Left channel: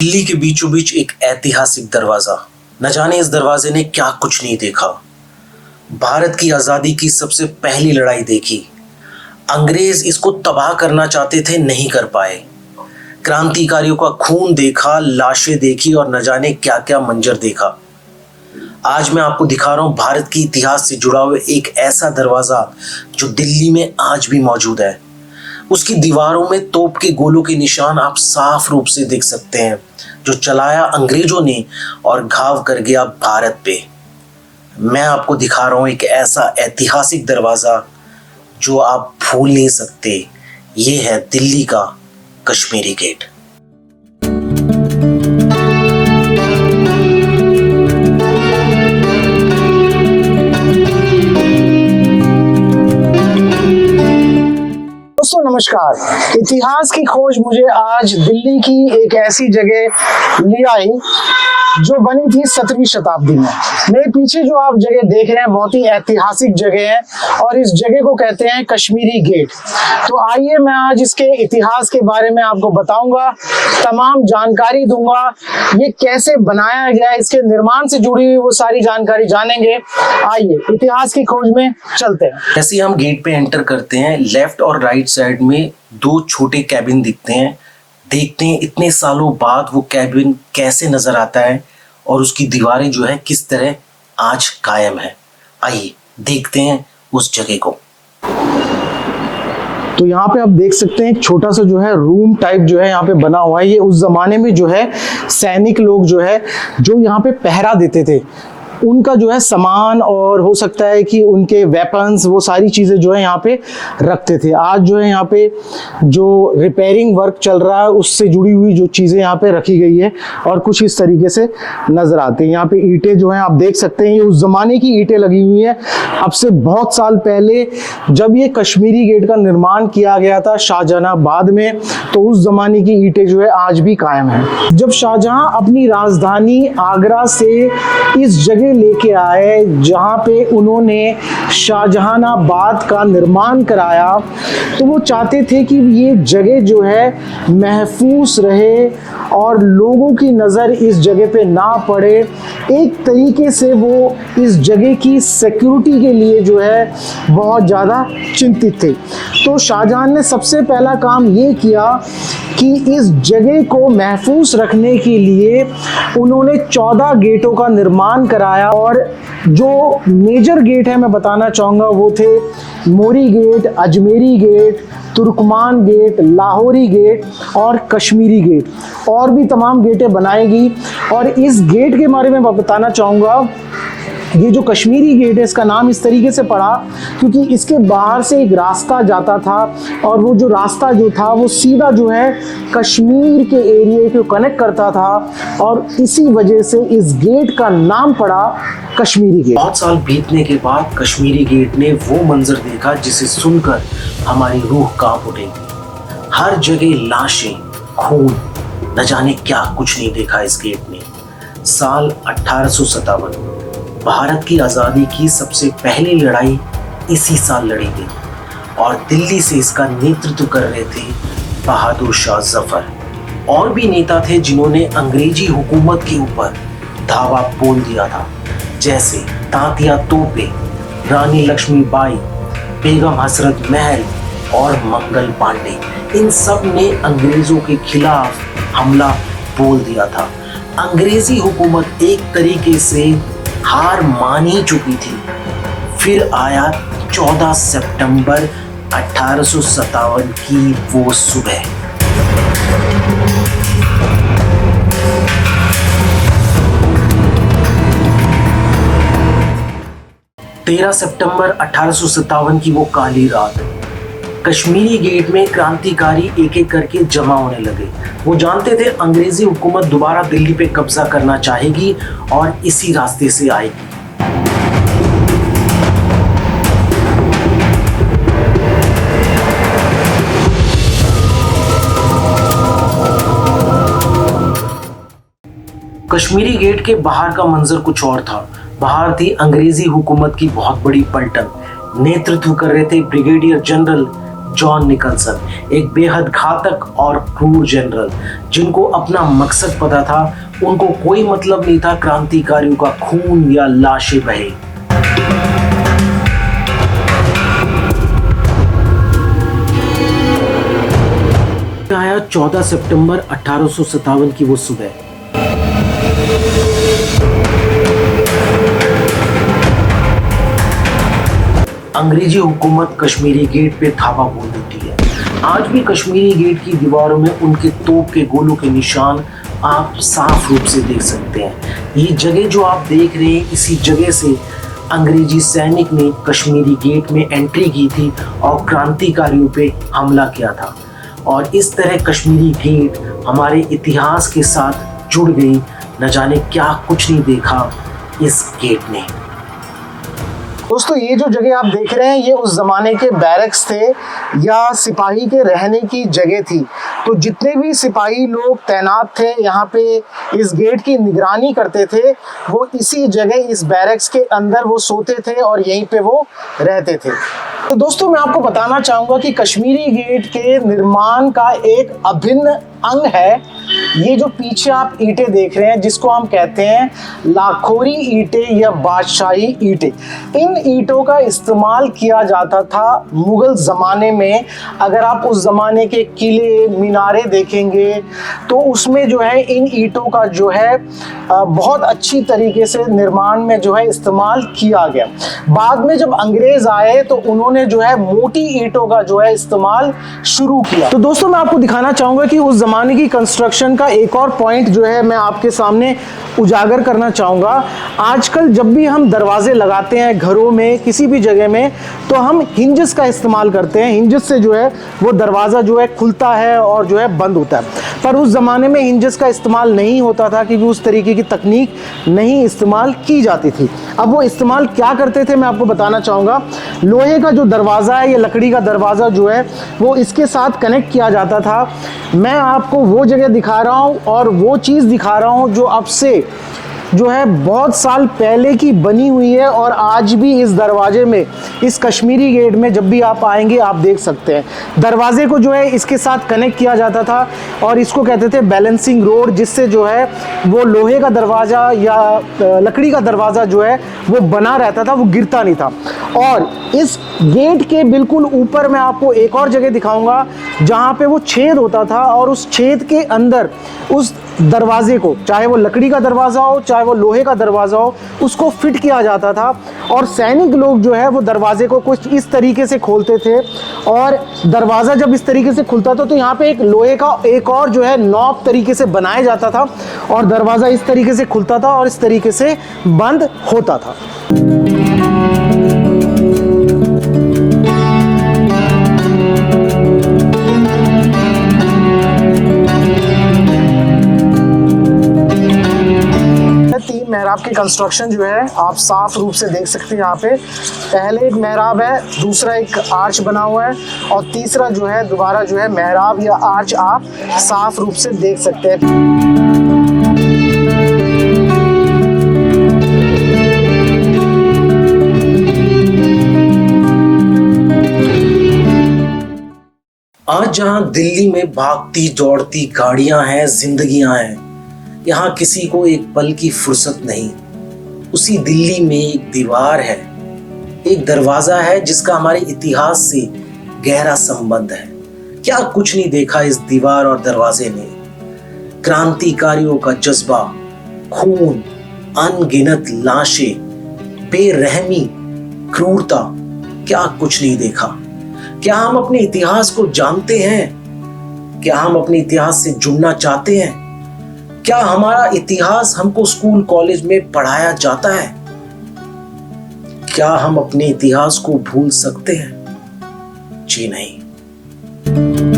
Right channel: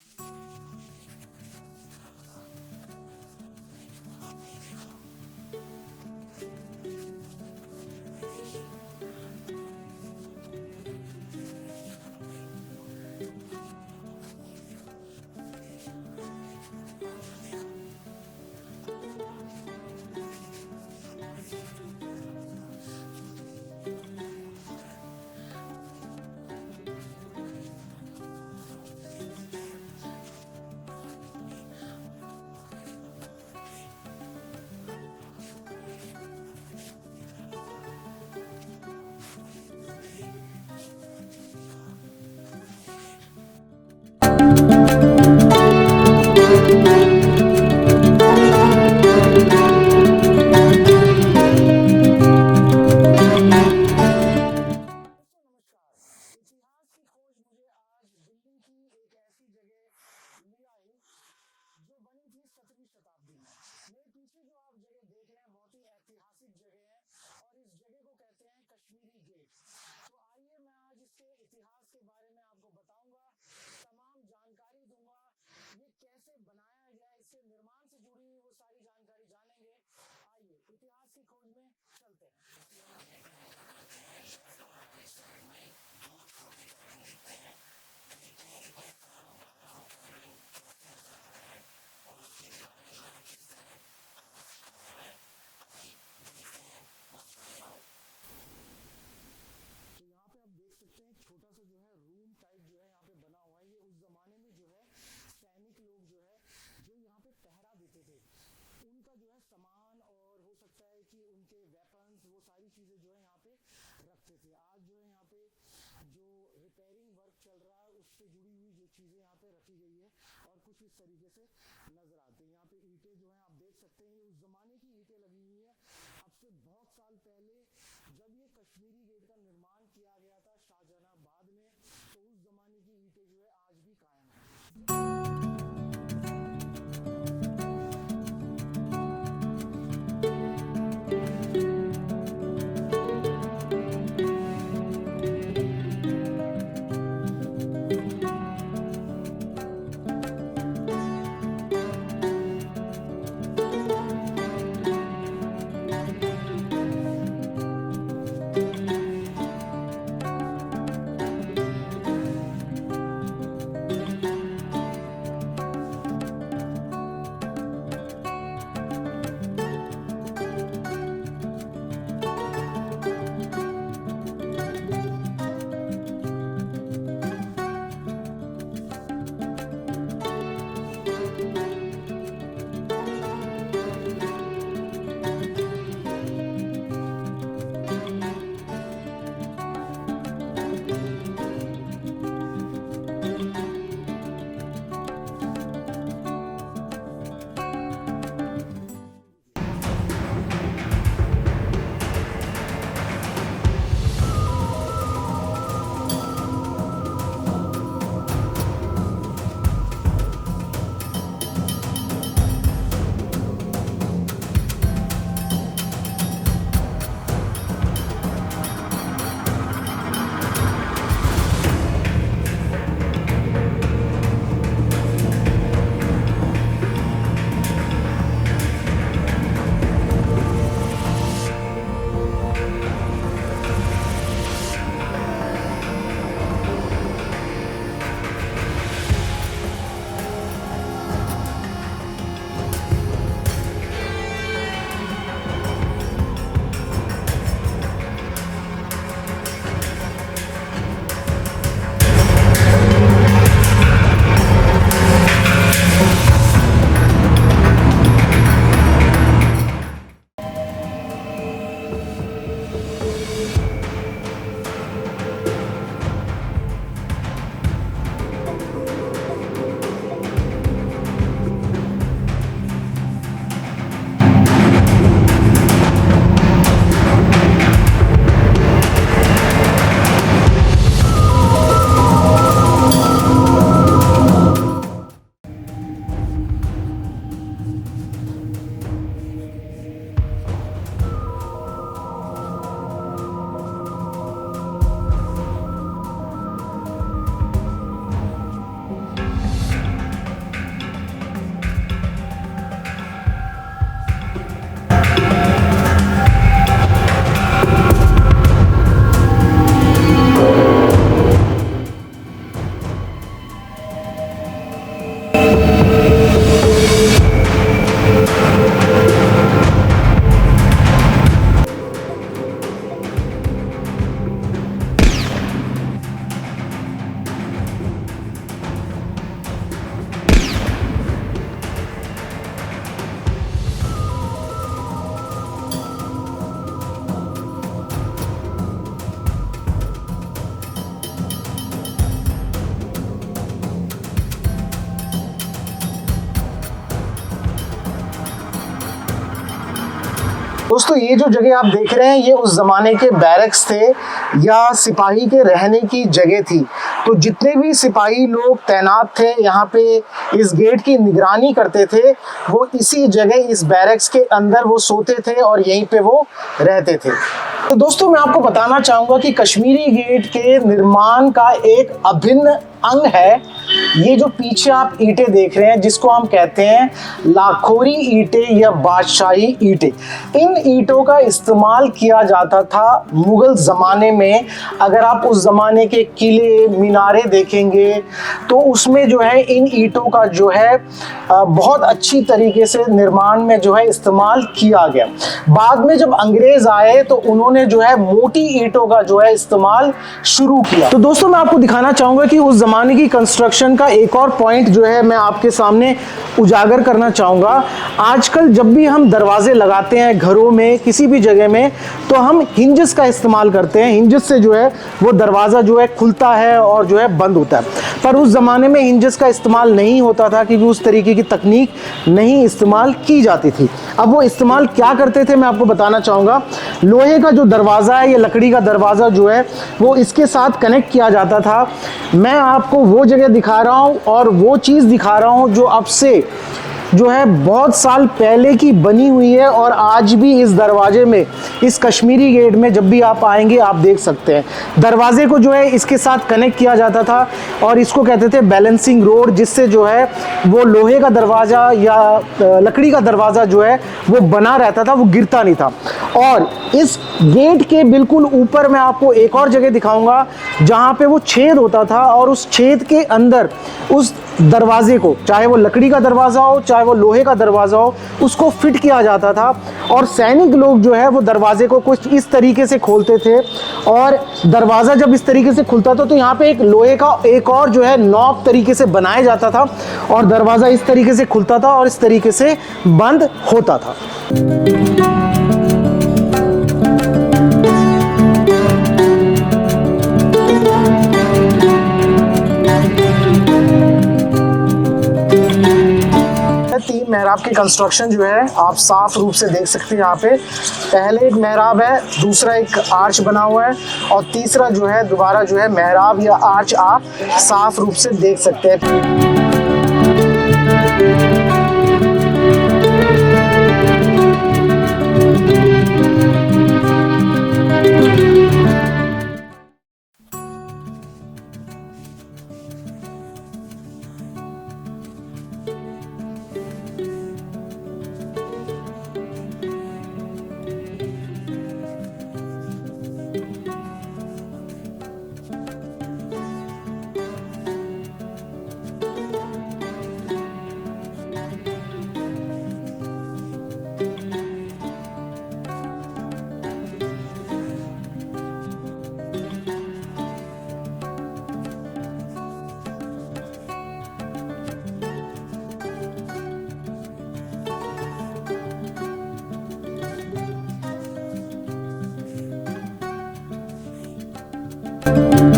दिल्ली के बीचों बीच एक ऐतिहासिक दरवाजा। न जाने इस दरवाजे ने क्या कुछ नहीं देखा। भारत की आजादी की सबसे पहली लड़ाई देखी। अंग्रेज इसको तबाह करना चाहते थे, नहीं कर पाए। क्रांतिकारियों का खून देखा, लाशें देखी और न जाने क्या क्या मंजर देखा। आज मैं आपको दिखा रहा हूं भारत के इतिहास से जुड़ा हुआ एक ऐसा दरवाजा जो दिल्ली में आज भी मौजूद है। उसकी दीवारों में तोप के गोलों के निशान आप साफ रूप से देख सकते हैं, जो चलाया अंग्रेजों ने और घाव कर गया भारत पे। मैं आपको दिखा रहा हूं एक ऐसा ऐतिहासिक दरवाजा जो आप भूल नहीं सकते। ये है दिल्ली का कश्मीरी गेट। दोस्तों नमस्कार। इतिहास की खोज मुझे आज दिल्ली की एक ऐसी जगह ले आई जो बनी थी 17वीं शताब्दी में। मेरे पीछे जो आप जगह देख रहे हैं बहुत ही ऐतिहासिक जगह है और इस जगह को कहते हैं कश्मीरी गेट। तो आइए मैं आज इसके इतिहास के बारे में आपको बताऊंगा, तमाम जानकारी दूंगा, ये कैसे बनाया गया, इसके निर्माण से जुड़ी हुई वो सारी जानकारी जानेंगे। आइए इतिहास की खोज में चलते हैं। जैसे ही हम गेट पे एंटर करते हैं, लेफ्ट और राइट साइड में दो छोटे कैबिन दिखते हैं। देखते हैं इतने सालों बाद वो कैबिन कैसे नजर आता है और उसकी दीवारें जो है किस तरह आज कायम है। आइए देखते हैं उस जगह को। तो यहाँ पे आप देख सकते हैं एक छोटा सा जो है रूम टाइप जो है यहाँ पे बना हुआ है। ये उस जमाने में जो है सैनिक लोग जो है जो यहाँ पे पहरा देते थे उनका जो है सामान और हो सकता है कि उनके वेपन्स, वो सारी चीज़ें जो है यहाँ पे रखते थे। आज जो है यहाँ पे जो रिपेयरिंग वर्क चल रहा है उससे जुड़ी हुई जो चीज़ें यहाँ पे रखी गई है और कुछ इस तरीके से नज़र आते हैं। यहाँ पे ईंटें जो हैं आप देख सकते हैं, ये उस ज़माने की ईंटें लगी हुई हैं। अब से बहुत साल पहले जब ये कश्मीरी गेट का निर्माण किया गया था शाहजहानाबाद में, तो उस ज़माने की ईंटें जो है आज भी कायम है। जब शाहजहां अपनी राजधानी आगरा से इस जगह लेके आए जहां पे उन्होंने शाहजहानाबाद का निर्माण कराया, तो वो चाहते थे कि ये जगह जो है महफूज रहे और लोगों की नज़र इस जगह पे ना पड़े। एक तरीके से वो इस जगह की सिक्योरिटी के लिए जो है बहुत ज़्यादा चिंतित थे। तो शाहजहां ने सबसे पहला काम ये किया कि इस जगह को महफूज रखने के लिए उन्होंने 14 गेटों का निर्माण कराया और जो मेजर गेट है मैं बताना चाहूँगा वो थे Mori gate, Ajmeri gate, Turkman gate, Lahori gate और कश्मीरी गेट। और भी तमाम गेटें बनाएगी। और इस गेट के बारे में मैं बताना चाहूँगा, ये जो कश्मीरी गेट है इसका नाम इस तरीके से पड़ा क्योंकि इसके बाहर से एक रास्ता जाता था और वो जो रास्ता जो था वो सीधा जो है कश्मीर के एरिया को कनेक्ट करता था और इसी वजह से इस गेट का नाम पड़ा कश्मीरी गेट। बहुत साल बीतने के बाद कश्मीरी गेट ने वो मंजर देखा जिसे सुनकर हमारी रूह कांप उठेगी। हर जगह लाशें, खून, न जाने क्या कुछ नहीं देखा इस गेट ने। साल 1857 भारत की आज़ादी की सबसे पहली लड़ाई इसी साल लड़ी गई और दिल्ली से इसका नेतृत्व कर रहे थे बहादुर शाह जफर। और भी नेता थे जिन्होंने अंग्रेजी हुकूमत के ऊपर धावा बोल दिया था, जैसे तात्या तोपे, रानी लक्ष्मीबाई, बेगम हसरत महल और मंगल पांडे। इन सब ने अंग्रेजों के खिलाफ हमला बोल दिया था। अंग्रेजी हुकूमत एक तरीके से हार मान ही चुकी थी। फिर आया 14 सितंबर 1857 की वो सुबह। सितंबर 1857 की वो काली रात। कश्मीरी गेट में क्रांतिकारी एक एक करके जमा होने लगे। वो जानते थे अंग्रेजी हुकूमत दोबारा दिल्ली पे कब्जा करना चाहेगी और इसी रास्ते से आएगी। कश्मीरी गेट के बाहर का मंजर कुछ और था। बाहर थी अंग्रेजी हुकूमत की बहुत बड़ी पलटन। नेतृत्व कर रहे थे ब्रिगेडियर जनरल जॉन निकलसन, एक बेहद घातक और क्रूर जनरल जिनको अपना मकसद पता था। उनको कोई मतलब नहीं था क्रांतिकारियों का खून या लाशें बहे। आया 14 सितंबर 1857 की वो सुबह। अंग्रेजी हुकूमत कश्मीरी गेट पे धावा बोल देती है। आज भी कश्मीरी गेट की दीवारों में उनके तोप के गोलों के निशान आप साफ रूप से देख सकते हैं। ये जगह जो आप देख रहे हैं, इसी जगह से अंग्रेजी सैनिक ने कश्मीरी गेट में एंट्री की थी और क्रांतिकारियों पे हमला किया था। और इस तरह कश्मीरी गेट हमारे इतिहास के साथ जुड़ गई। न जाने क्या कुछ नहीं देखा इस गेट ने। दोस्तों, ये जो जगह आप देख रहे हैं, ये उस ज़माने के बैरक्स थे या सिपाही के रहने की जगह थी। तो जितने भी सिपाही लोग तैनात थे यहाँ पे, इस गेट की निगरानी करते थे, वो इसी जगह इस बैरक्स के अंदर वो सोते थे और यहीं पे वो रहते थे। तो दोस्तों, मैं आपको बताना चाहूँगा कि कश्मीरी गेट के निर्माण का एक अभिन्न अंग है ये जो पीछे आप ईंटें देख रहे हैं, जिसको हम कहते हैं लाखोरी ईंटें या बादशाही ईंटें। इन ईंटों का इस्तेमाल किया जाता था मुगल ज़माने में। अगर आप उस ज़माने के किले मीनारे देखेंगे तो उसमें जो है इन ईंटों का जो है बहुत अच्छी तरीके से निर्माण में जो है इस्तेमाल किया गया। बाद में जब अंग्रेज़ आए तो उन्होंने जो है मोटी ईंटों का जो है इस्तेमाल शुरू किया। तो दोस्तों, मैं आपको दिखाना चाहूँगा कि उस ज़माने की कंस्ट्रक्शन का एक और पॉइंट जो है मैं आपके सामने उजागर करना चाहूँगा। आजकल जब भी हम दरवाजे लगाते हैं घरों में, किसी भी जगह में, तो हम हिंजेस का इस्तेमाल करते हैं। हिंजेस से जो है वो दरवाज़ा जो है खुलता है और जो है बंद होता है। पर उस ज़माने में हिंजेस का इस्तेमाल नहीं होता था क्योंकि उस तरीके की तकनीक नहीं इस्तेमाल की जाती थी। अब वो इस्तेमाल क्या करते थे मैं आपको बताना चाहूँगा। लोहे का जो दरवाज़ा है या लकड़ी का दरवाज़ा जो है वो इसके साथ कनेक्ट किया जाता था। मैं आपको वो जगह दिखा रहा हूँ और वो चीज़ दिखा रहा हूँ जो अब से जो है बहुत साल पहले की बनी हुई है और आज भी इस दरवाजे में, इस कश्मीरी गेट में जब भी आप आएंगे आप देख सकते हैं। दरवाजे को जो है इसके साथ कनेक्ट किया जाता था और इसको कहते थे बैलेंसिंग रोड, जिससे जो है वो लोहे का दरवाज़ा या लकड़ी का दरवाज़ा जो है वो बना रहता था, वो गिरता नहीं था। और इस गेट के बिल्कुल ऊपर मैं आपको एक और जगह दिखाऊंगा जहाँ पे वो छेद होता था और उस छेद के अंदर उस दरवाजे को, चाहे वो लकड़ी का दरवाज़ा हो चाहे वो लोहे का दरवाज़ा हो, उसको फिट किया जाता था। और सैनिक लोग जो है वो दरवाजे को कुछ इस तरीके से खोलते थे और दरवाज़ा जब इस तरीके से खुलता था तो यहाँ पे एक लोहे का एक और जो है नॉब तरीके से बनाया जाता था और दरवाज़ा इस तरीके से खुलता था और इस तरीके से बंद होता था। मेहराब की कंस्ट्रक्शन जो है आप साफ रूप से देख सकते हैं। यहाँ पे पहले एक मेहराब है, दूसरा एक आर्च बना हुआ है और तीसरा जो है दोबारा जो है मेहराब या आर्च आप साफ रूप से देख सकते हैं। आज जहां दिल्ली में भागती दौड़ती गाड़ियां हैं, जिंदगियां हैं, यहाँ किसी को एक पल की फुर्सत नहीं। उसी दिल्ली में एक दीवार है, एक दरवाजा है जिसका हमारे इतिहास से गहरा संबंध है। क्या कुछ नहीं देखा इस दीवार और दरवाजे ने। क्रांतिकारियों का जज्बा, खून, अनगिनत लाशें, बेरहमी, क्रूरता, क्या कुछ नहीं देखा। क्या हम अपने इतिहास को जानते हैं? क्या हम अपने इतिहास से जुड़ना चाहते हैं? क्या हमारा इतिहास हमको स्कूल कॉलेज में पढ़ाया जाता है? क्या हम अपने इतिहास को भूल सकते हैं? जी नहीं।